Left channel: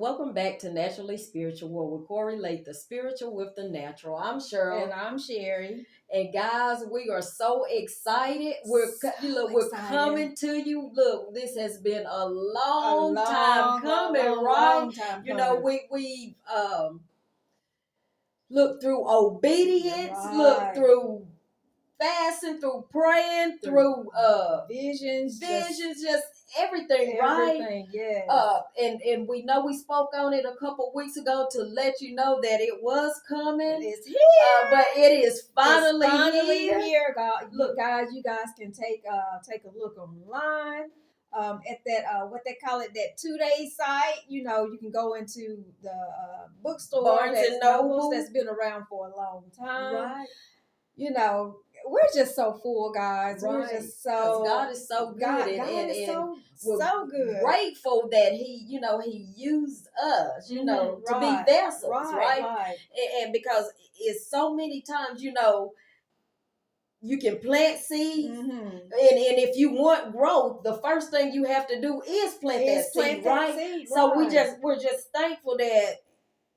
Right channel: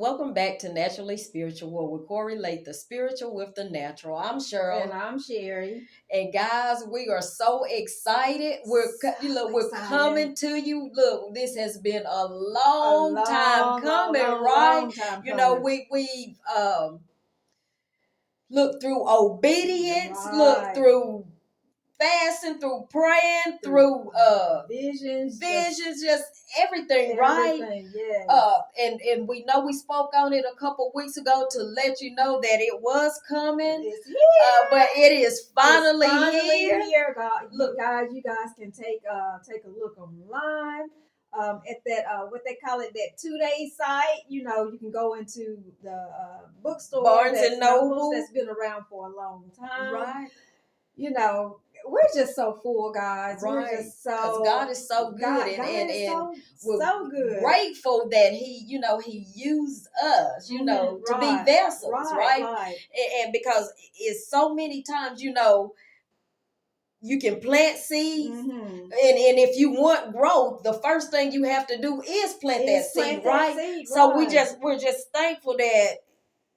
Welcome back to Naturally Spiritual, where we correlate the spiritual with the natural. I'm Cheryl. And I'm Sherry. And guys, we are so excited. We're excited. coming to you. Look, this has been a long time coming, right? Long time You know, coming. we've looked through obedience, Right. looked through fasting, through praying, through visions, just everything, right? Yes. And we know we spoke on it a couple weeks ago to let you know that it was coming. It's here. But it is finally here. God, look, guys, you guys can take a look online. At that what they call it, that 2-day site. You know, you can go into the bookstore, Barnes and Noble, that's been around for a long time. Right. You know, we're just so full, guys. Right. We're just so, God is so good, God and is we're so good. Grateful that He used us, to be vessels, right? And because it's so many times, you can plant seeds, and if you want growth, the first thing you have to do is plant that seed, right? So we're just thankful that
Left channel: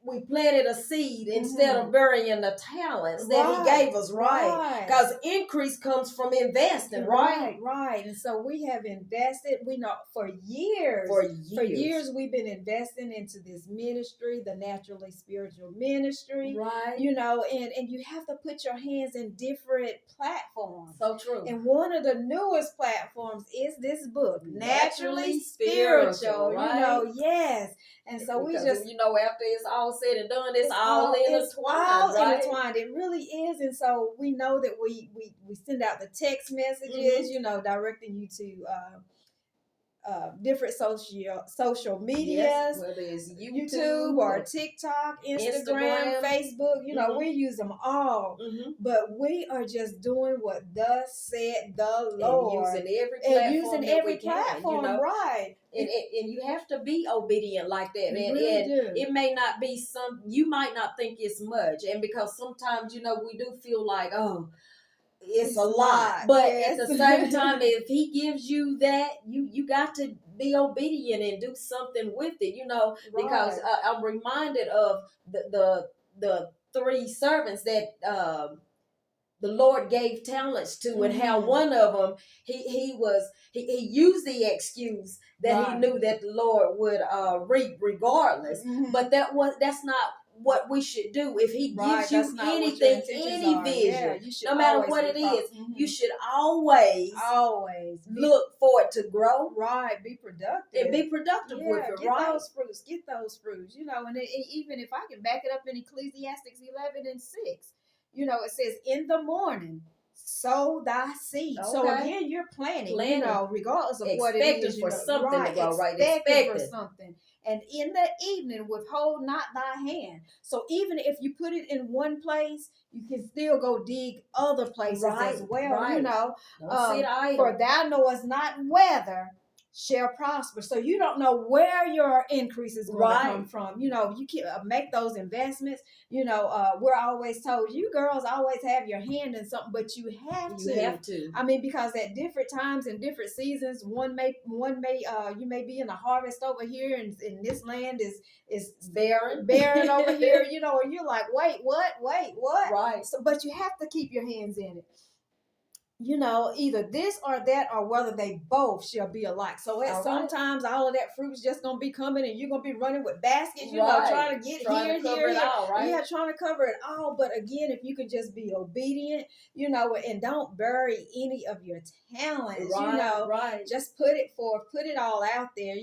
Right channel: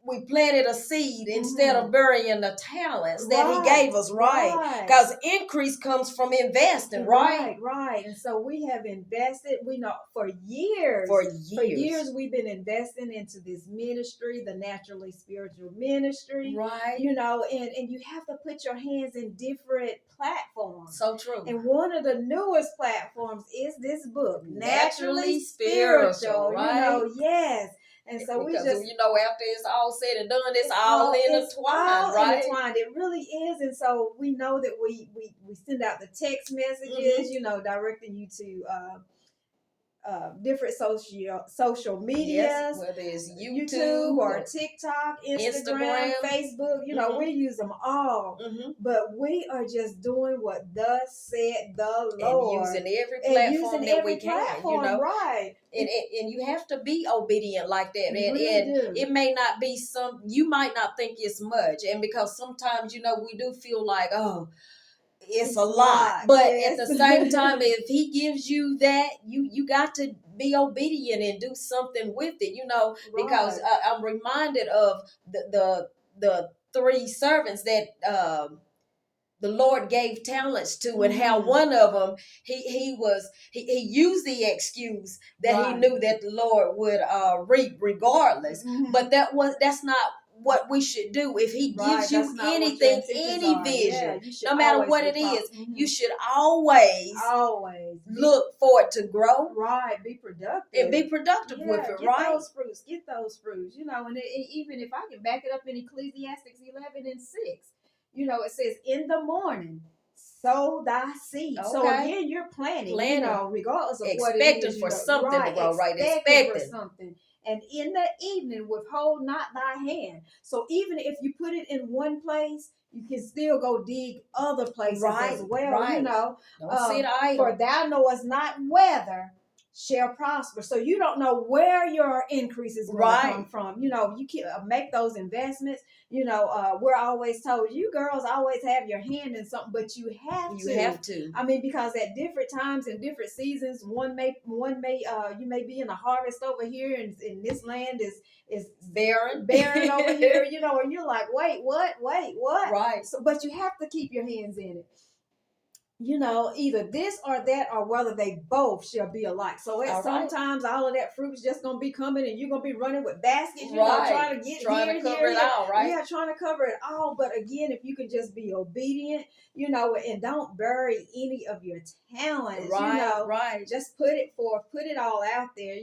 we planted a seed instead of burying the talents that He gave us, right? Because increase comes from investing, right? Right. And so we have invested, we know for years. For years we've been investing into this ministry, the Naturally Spiritual Ministry. Right. And you have to put your hands in different platforms. So true. And one of the newest platforms is this book, Naturally Spiritual, right? Yes. And so because, we just, after it's all said and done, it's all intertwined, right? Intertwined. It really is. And so we know that we send out the text messages, directing you to different social medias, whether it's YouTube or TikTok, Instagram, Facebook. We use them all, but we are just doing what thus said the Lord, and using every platform that we can, right? And you have to be obedient like that, and it may not be you might not think it's much, and because sometimes we do feel like, oh, it's a lot, but at the same time, if He gives you that, you got to be obedient and do something with it, because I'm reminded of the three servants that the Lord gave talents to, and how one of them he used the excuse that he knew that the Lord would reap regardless, but that's not what we should do. If He gives you anything, any vision, no matter what it is, you should always look for it to grow, right? Be productive and be productive with it, get right? Get those fruits, and even if I can back it up in Ecclesiastes 11:6, it says, in the morning sow thy seed. Okay. So again, you're planting, regardless of what it is, expecting for something to grow, right? Expecting for something. And in the evening, withhold not thy hand. So even if you put it in one place, you can still go dig other places as well. Right. Don't sit idle. For thou knowest not whether shall prosper. So you don't know where your increase is going to come from. You can make those investments. We're always told, you girls always have your hand in something, but you have to. I mean, because at different times and different seasons, you may be in a harvest over here, and this land is barren over here, and you're like, wait, what? Right. So, but you have to keep your hands in it. Either this or that, or whether they both shall be alike. So sometimes all of that fruit is just going to be coming, and you're going to be running with baskets, trying to cover it all, right? Yeah, trying to cover it all. But again, if you can just be obedient, and don't bury any of your talents, right. Just put it all out there,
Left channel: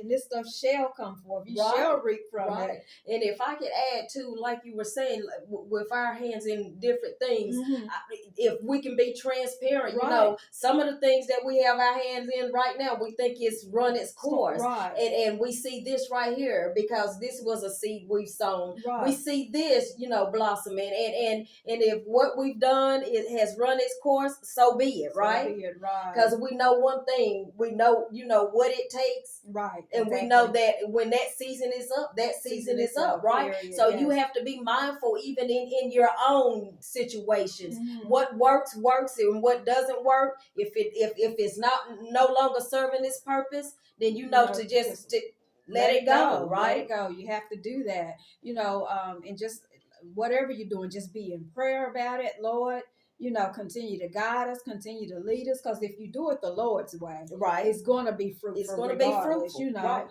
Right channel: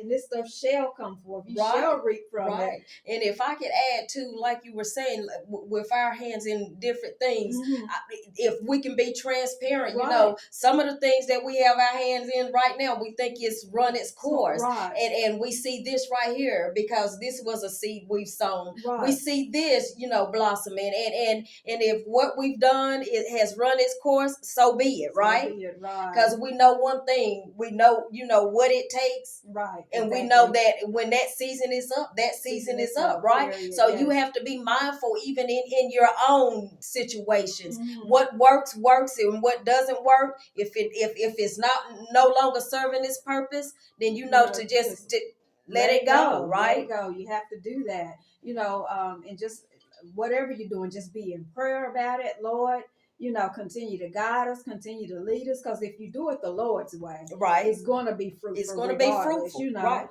and this stuff shall come forth. You shall reap from it. And if I could add to, like you were saying, with our hands in different things, if we can be transparent, some of the things that we have our hands in right now, we think it's run its course. And we see this right here, because this was a seed we've sown. We see this, blossoming. And if what we've done has run its course, so be it, right? Because we know one thing, we know, what it takes. Right. And we know that when that season is up, that season is up, right? Period. So you have to be mindful even in your own situations. What works, and what doesn't work. If it's no longer serving its purpose, then to let it go, right? Let it go. You have to do that, you know, and just whatever you're doing, just be in prayer about it, Lord. You know, continue to guide us, continue to lead us, because if you do it the Lord's way, right, it's going to be fruitful. It's going to be fruitful, you know. right.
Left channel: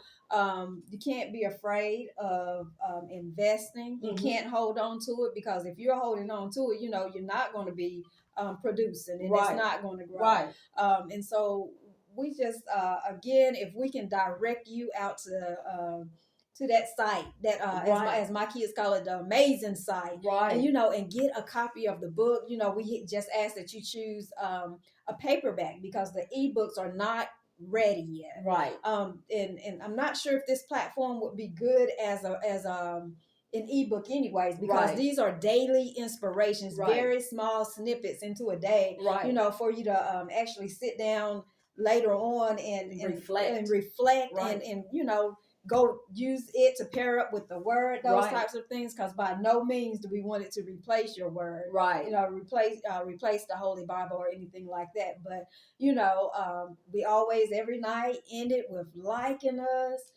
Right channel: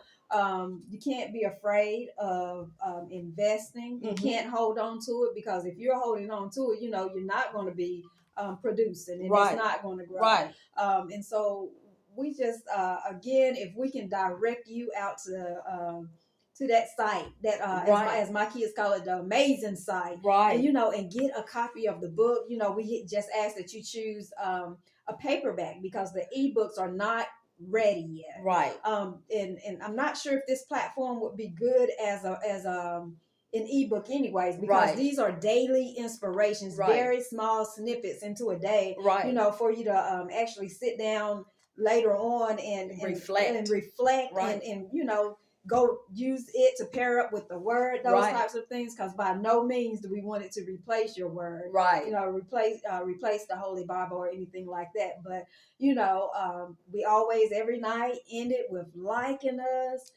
You can't be afraid of investing. You can't hold on to it, because if you're holding on to it, you know, you're not going to be producing, and it's not going to grow. Right. And so we just again, if we can direct you out to that site that as my kids call it, the amazing site, right? And you know, and get a copy of the book. You know, we just ask that you choose a paperback, because the ebooks are not ready yet, right? And I'm not sure if this platform would be good as an ebook anyways, because these are daily inspirations, very small snippets into a day, you know, for you to actually sit down later on and reflect and you know, go use it to pair up with the word, those types of things, because by no means do we want it to replace your word, you know, replace the Holy Bible or anything like that. But you know, we always every night end it with liking us,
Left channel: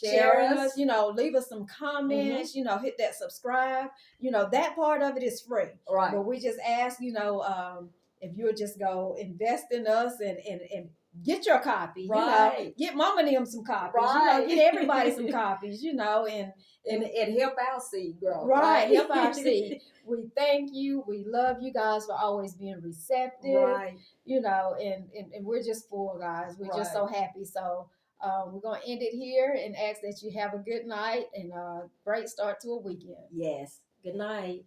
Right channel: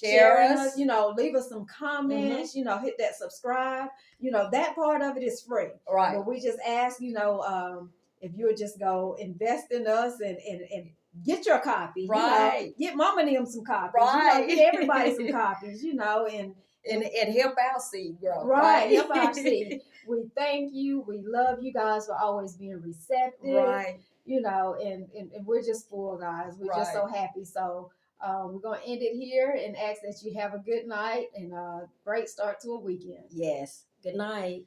sharing us, you know, leave us some comments, you know, hit that subscribe, you know, that part of it is free, but we just ask, you know, if you'll just go invest in us and get your copy, you know, get Mama and them some copies, you know, get everybody some copies, you know, and help our seed grow, help our seed. We thank you. We love you guys for always being receptive, you know, and we're just full, guys. We're just so happy. So we're going to end it here and ask that you have a good night and a great start to a weekend. Yes. Good night.